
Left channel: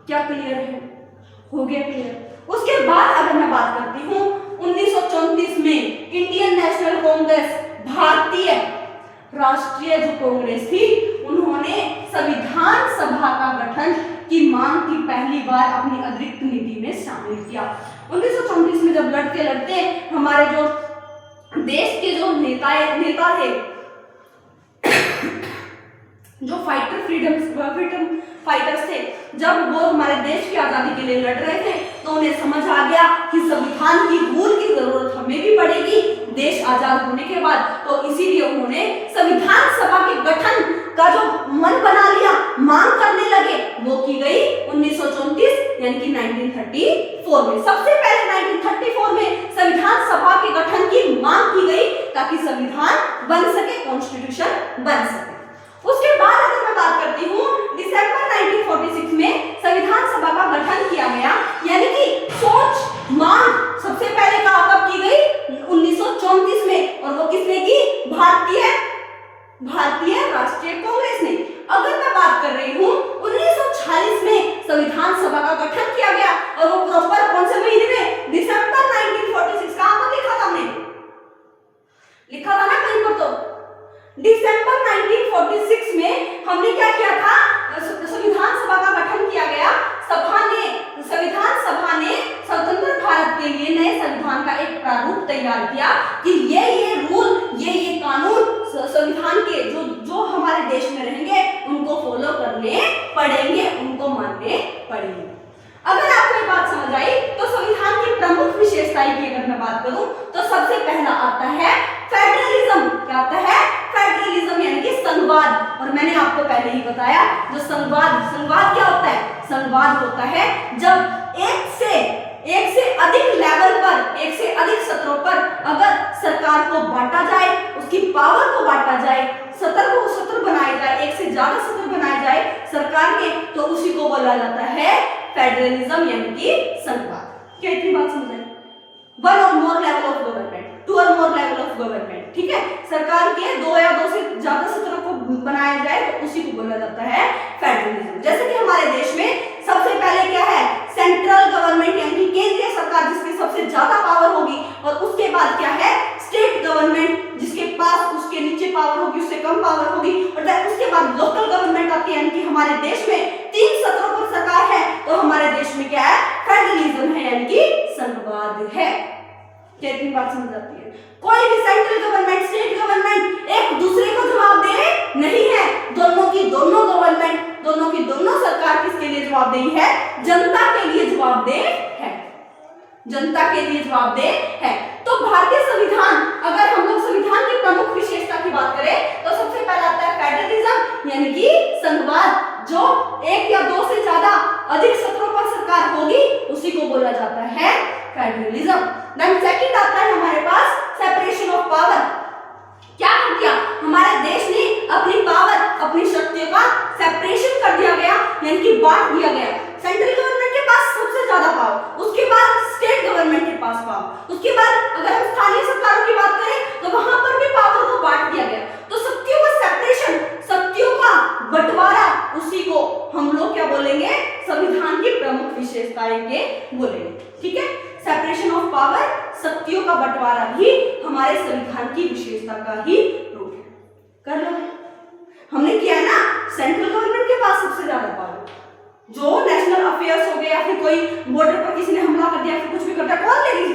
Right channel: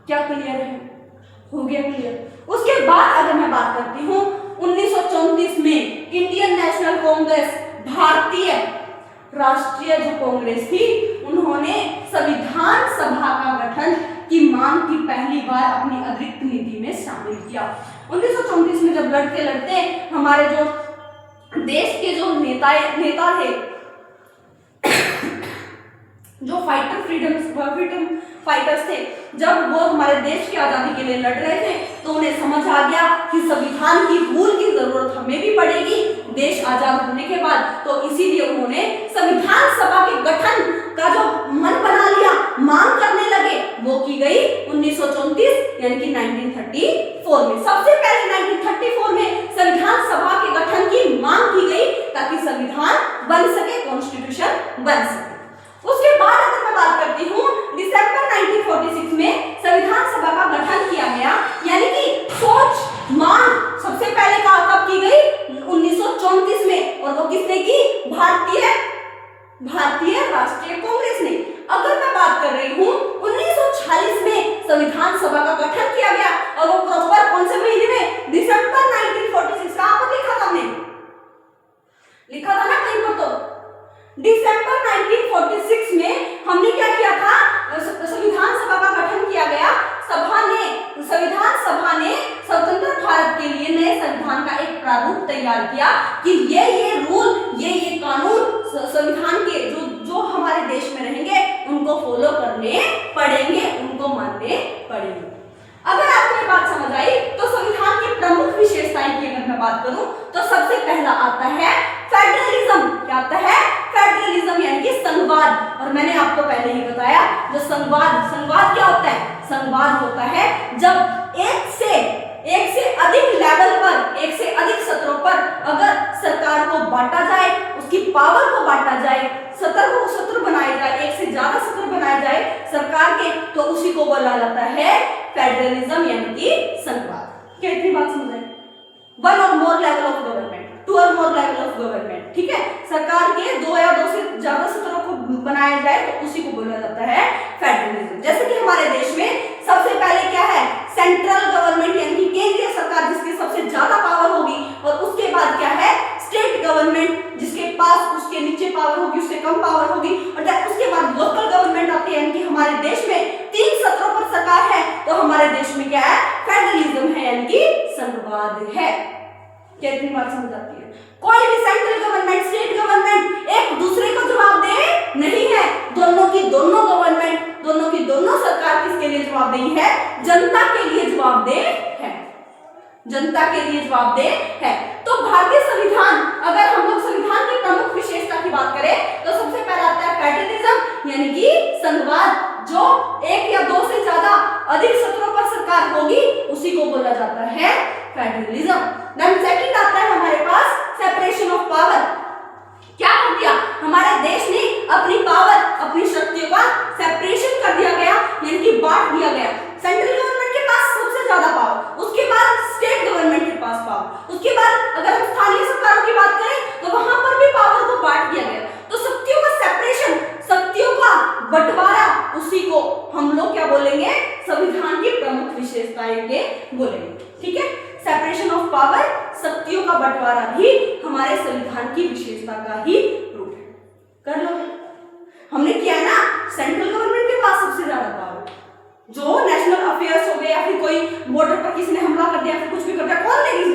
क्या क्लियर है, हो गया क्लियर। उसके बाद अगर मैं बात करती हूँ 1934 में इंडियन नेशनल कांग्रेस, भारतीय राष्ट्रीय जो कांग्रेस थी, उन्होंने संविधान सभा का गठन की मांग की पहली बार अपनी अतिरिक्त नीति में शामिल किया। 1934 में जब लड़ते लड़ते हमारे जो देश के जो नेता थे, जो फ्रीडम फाइटर्स थे, जब वो हमारे देश की आजादी के लिए लड़ रहे थे, तो उन्हें समझ आ गया कि संविधान की भूल की जरूरत हमें भी पड़ेगी देश आजाद होने के बाद। तो इसीलिए उन्होंने संविधान सभा के गठन का जो मन बना लिया, मांग करने लगे, वो की गई 1934 यानी कि 1934 में। सबसे पहले 1934 में संविधान सभा के गठन की मांग की गई ताकि संविधान बन सके, कॉन्स्टिट्यूशन बन सके। उसके बाद अगर मैं बात करती हूँ, दिसंबर 1946 में संविधान सभा का गठन किया गया, यानी कि सोच मांग सबसे पहले कब की गई, 1934 में, और वो किसने की, भारतीय राष्ट्रीय कांग्रेस ने। अगर मैं बात कर संविधान सभा ने स्वतंत्र भारत के लिए नए संविधान का एक प्रारूप तैयार किया कि ये रूल, ये कानून संविधान के जो हमारे देश में रहेंगे उनको फॉलो करने पड़ेंगे, उनको मानने पड़ेंगे। अगर आपको ये बात समझ आई तो संविधान की प्रमुख विशेषताएं की अगर मैं बात करूं तो सबसे पहला आता है फेडरलिज्म। क्या आता है? फेडरलिज्म यानी कि संघवाद। और मैंने आपको पहले ही बताया जो संघवाद क्या होता है? संघवाद होता है जब एक से अधिक लेवल पर, एक से अधिक सत्रों पर अगर सरकार को बांटा जाए, उसकी पावर को बांटा जाए, सत्र बनाए जाए, एक से ज्यादा सत्र बनाए जाए सरकार के, तो उसी को बोला जाता है फेडरलिज्म यानी कि संघवाद। क्या इतनी बात समझ आई? वन और मोर लेवल ऑफ गवर्नमेंट, टू और मोर लेवल ऑफ गवर्नमेंट, ठीक है, सरकार के दो या दो से ज्यादा सत्रों को बनाया जाए तो उसी को बोला जाता है फेडरलिज्म। जैसे कि हमारे देश में सबसे पहले क्या है? सेंट्रल गवर्नमेंट यानी कि केंद्रीय सरकार जिसके सबसे ज्यादा पावर होगी, और उसके बाद क्या है? स्टेट गवर्नमेंट जिसके पास उसके नीचे पावर होगी, उससे कम पावर होगी, और उसके बाद लोकल गवर्नमेंट आती है। यानी कि हमारे देश में 3 सत्रों पर सरकार है तो हमारे देश में क्या है? फेडरलिज्म है यानी कि संघवाद है। क्या इतनी बात समझ आती है? कोई भी सेंट्रल गवर्नमेंट, स्टेट गवर्नमेंट एक दूसरे को जवाब दे नहीं है, दोनों की दोनों गवर्नमेंट, दोनों की दोनों सरकार किसके लिए जवाबदेही है? जनता के लिए जवाबदेह है, जनता के लिए जवाबदेह है। तो भारतीय संविधान, अगर हम लोग संविधान की प्रमुख विशेषता की बात करें तो सबसे पहला आता है फेडरलिज्म यानी कि संघवाद। जो एक या दो से ज्यादा अधिक सत्रों पर सरकार होगी उसी को बोला जाता है फेडरलिज्म। देन सेकंड आता है हमारे पास सेपरेशन ऑफ पावर। क्या कर दिया? हमारे देश ने अपनी पावर, अपनी शक्तियों का सेपरेशन कर दिया गया यानी कि बांट दिया गया। सेंट्रल गवर्नमेंट के पास सबसे ज्यादा पावर, उसके बाद स्टेट गवर्नमेंट के पास पावर, उसके बाद अगर हम स्थानीय सरकारों की बात करें तो वहां पर भी पावर को बांट दिया गया। तो शक्तियों का सेपरेशन, शक्तियों का बंटवारा, उसी को हम लोग क्या बोलेंगे? संविधान की प्रमुख विशेषताएं के बोलेंगे। ठीक है, सेपरेशन ऑफ पावर, शक्तियों का बंटवारा भी हमारे संविधान की विशेषता का ही रूप है। कर लो, हमने किया है ना, सेंट्रल गवर्नमेंट के पास सबसे ज्यादा पावर, जो नेशनल अफेयर्स हो गए या फिर कोई बॉर्डर पर किसी ने हमला कर दिया, फिर कुछ भी कर दिया, कौन लेगी?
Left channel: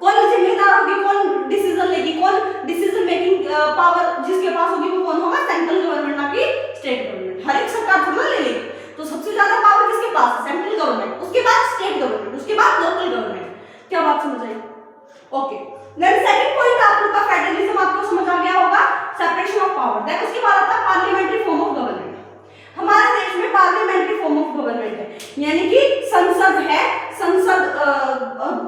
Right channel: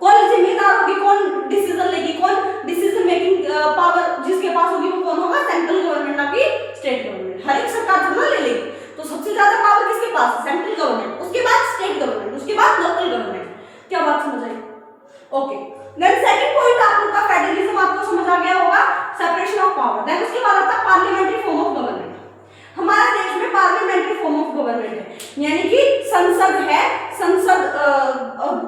कौन जिम्मेदार होगी? कौन डिसीजन लेगी? कौन डिसीजन मेकिंग पावर जिसके पास होगी वो कौन होगा? सेंट्रल गवर्नमेंट, ना कि स्टेट गवर्नमेंट। हर एक सरकार थोड़ा ले लेगी, तो सबसे ज्यादा पावर किसके पास? सेंट्रल गवर्नमेंट, उसके बाद स्टेट गवर्नमेंट, उसके बाद लोकल गवर्नमेंट। क्या बात समझ आई? ओके, देन सेकंड पॉइंट आप लोग का फेडरलिज्म आपको समझ आ गया होगा, सेपरेशन ऑफ पावर। देन उसके बाद आता है पार्लियामेंट्री फॉर्म ऑफ गवर्नमेंट। हमारे देश में पार्लियामेंट्री फॉर्म ऑफ गवर्नमेंट है, यानी कि संसद है, संसद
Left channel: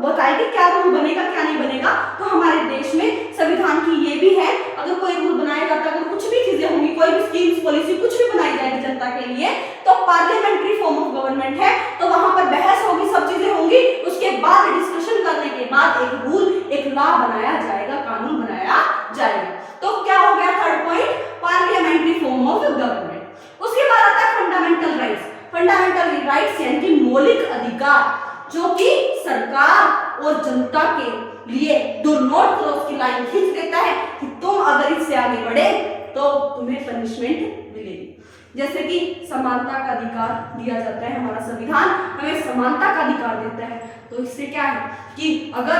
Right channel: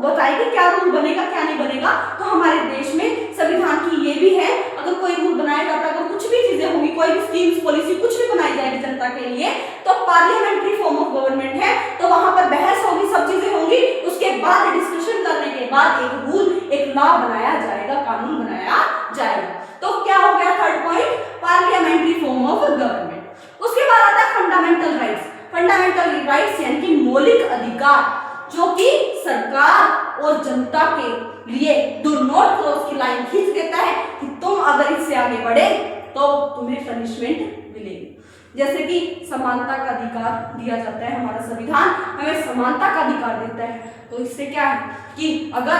बताएगी क्या रूल बनेगा क्या नहीं बनेगा। तो हमारे देश में संविधान की ये भी है, अगर कोई रूल बनाया जाता है, अगर कुछ भी चीजें होंगी, कोई भी स्कीम्स, पॉलिसी कुछ भी बनाई जाएगी जनता के लिए, तो पार्लियामेंट्री फॉर्म ऑफ गवर्नमेंट है, तो वहां पर बहस होगी, सब चीजें होंगी, उसके बाद डिस्कशन करने के बाद एक रूल, एक लॉ बनाया जाएगा, कानून बनाया जाएगा। तो क्या हो गया third point? Parliamentary form of government. उसके बाद आता है फंडामेंटल राइट्स। फंडामेंटल राइट्स यानी कि मौलिक अधिकार, जो कि सरकार और जनता के लिए डू नॉट क्रॉस की लाइन खींच देता है कि तुम अगर इससे आगे बढ़े तो तुम्हें पनिशमेंट मिलेगी। जैसे कि समानता का अधिकार दिया जाता है, हमारा संविधान हमें समानता का अधिकार देता है। तो इससे क्या है कि अगर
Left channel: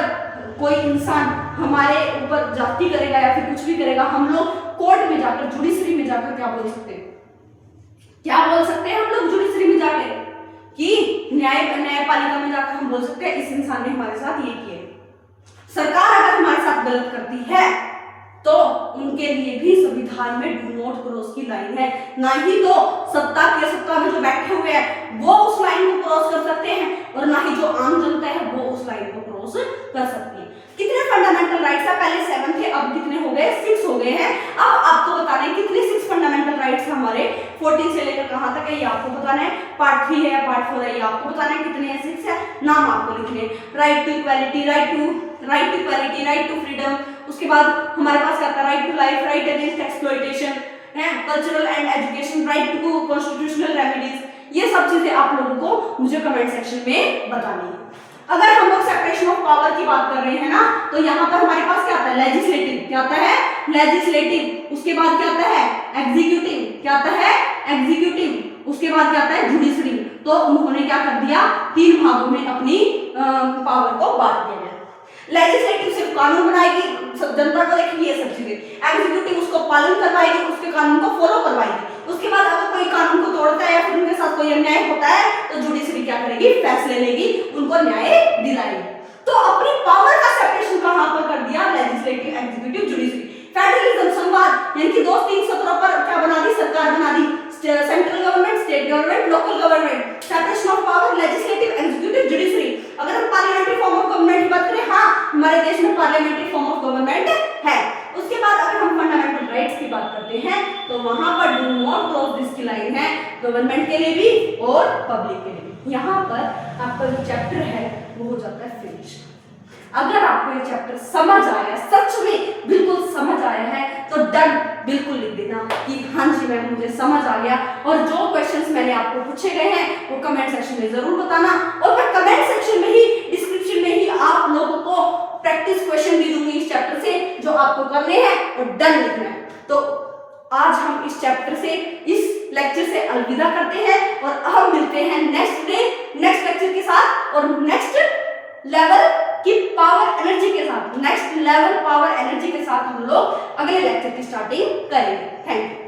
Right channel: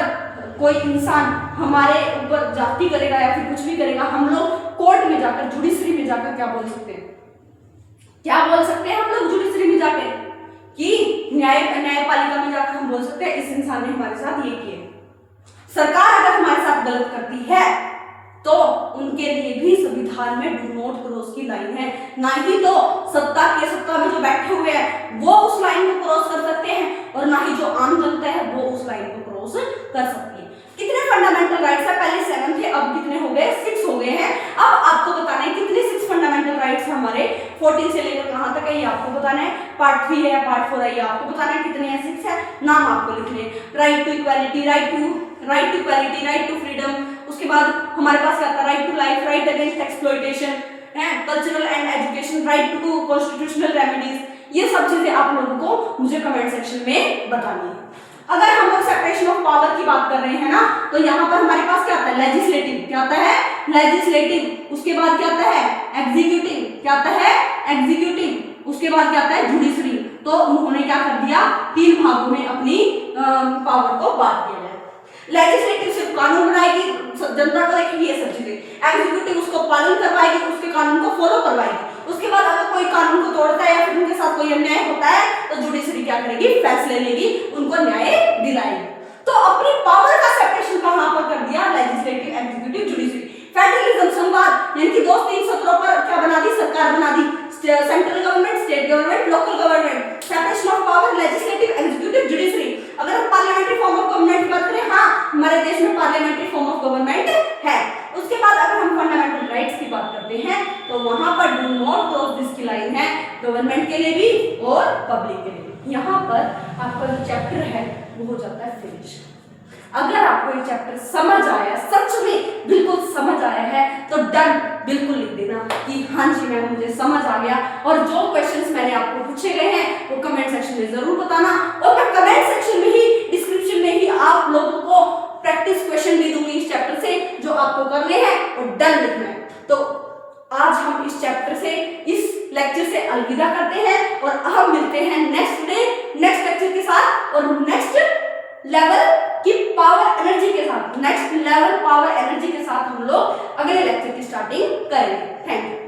कोई इंसान हमारे ऊपर जाति करेगा या फिर कुछ भी करेगा, हम लोग कोर्ट में जाकर, जुडिशरी में जाकर क्या बोल सकते हैं? क्या बोल सकते हैं हम लोग जुडिशरी में जाकर? कि न्यायपालिका में जाकर हम बोल सकते हैं इस इंसान ने हमारे साथ ये किया। सरकार अगर हमारे साथ गलत करती है तो उनके लिए भी संविधान में डू नॉट क्रॉस की लाइन है। ना ही तो सत्ता में जो बैठे हुए हैं वो उस लाइन को क्रॉस कर सकते हैं, और ना ही जो आम जनता है वो उस लाइन को क्रॉस कर सकती है। कितने फंडामेंटल राइट्स है? पहले 7 थे, अब कितने हो गए? 6 हो गए हैं। अब आपको बताना है कितने 6 फंडामेंटल राइट्स हमारे 14 से लेकर कहां तक है ये आपको बताना है। पार्ट 3 है, पार्ट 4 है, ये आपको बताना है कितने हैं। 6 है, नाम आपको लिखने हैं। Right to equality, right to equality, right to freedom. उसके बाद हमारे पास क्या आता है? Right to life, right against exploitation है, cultural and education, right to constitutional remedies. ये सब चीजें आप लोगों को मुझे कमेंट सेक्शन में बतानी है। अगर हम लोग सेपरेशन ऑफ पावर की बात कर रहे हैं ना, तो यहाँ पर हमारे पास क्या आता है? लेजिस्लेटिव। क्या आता है? लेजिस्लेटिव। उसके बाद क्या आता है? एग्जीक्यूटिव। क्या आता है? एग्जीक्यूटिव। उसके बाद क्या आता है? जुडिशरी। तो उन्होंने क्या कर दिया, 3 भागों में अपनी पावर को बांट दिया। लेजिस्लेटिव सिर्फ कानून बनाएगी, जनता को देखेगी ये सब चीजें, एग्जीक्यूटिव उसको पालन करवाएगी, उसके कानून को फॉलो करवाएगी। उसके बाद अगर कोई कानून को तोड़ता है या फिर उनके साथ कोई अन्याय होता है तो जुडिशरी क्या करेगी, फैसले लेगी, उनको न्याय दिलाएगी। तो अपनी पावर का सेपरेशन कहां पर कर दिया, लेजिस्लेटिव, एग्जीक्यूटिव, जुडिशरी। फेडरलिज्म, संवाद, यानी कि 2-3 सूत्रों पर क्या बना दी, सरकार बना दी, central government, state government, local government, separation of power, legislative, executive, judiciary. अगर हम पार्लियामेंट्री फॉर्म ऑफ गवर्नमेंट की बात करें, हाँ हमारे देश में पार्लियामेंट्री फॉर्म ऑफ गवर्नमेंट है। उसके बाद अगर हम फंडामेंटल राइट्स की बात करते हैं तो वहां पर डू नॉट क्रॉस दिस की लाइन है, गवर्नमेंट के लिए भी और पब्लिक के लिए भी। यहाँ पर आपका जो चैप्टर है वो हो जाता है फिनिश। अगर आपको ये चैप्टर समझ आया, सच में बिल्कुल समझ आया है, तो डन बिल्कुल लिख देना कि हाँ जी मैम मुझे समझ आ गया। और जो क्वेश्चंस मैंने आपको पूछे गए हैं वो कमेंट सेक्शन में जरूर बताना, और मैं कमेंट सेक्शन में ही, डिस्क्रिप्शन में ही आप लोगों को प्रैक्टिस क्वेश्चन भी दूंगी इस चैप्टर से, जो आपको करने हैं और डन लिखना है। तो आज हम इस चैप्टर से, इस लेक्चर से अलविदा करते हैं और हम मिलते हैं नेक्स्ट डे, नेक्स्ट लेक्चर के साथ और नेक्स्ट लेवल की पावर एनर्जी के साथ, नेक्स्ट लेवल पावर एनर्जी के साथ हम लोग अगले लेक्चर की स्टार्टिंग करेंगे। Thank you.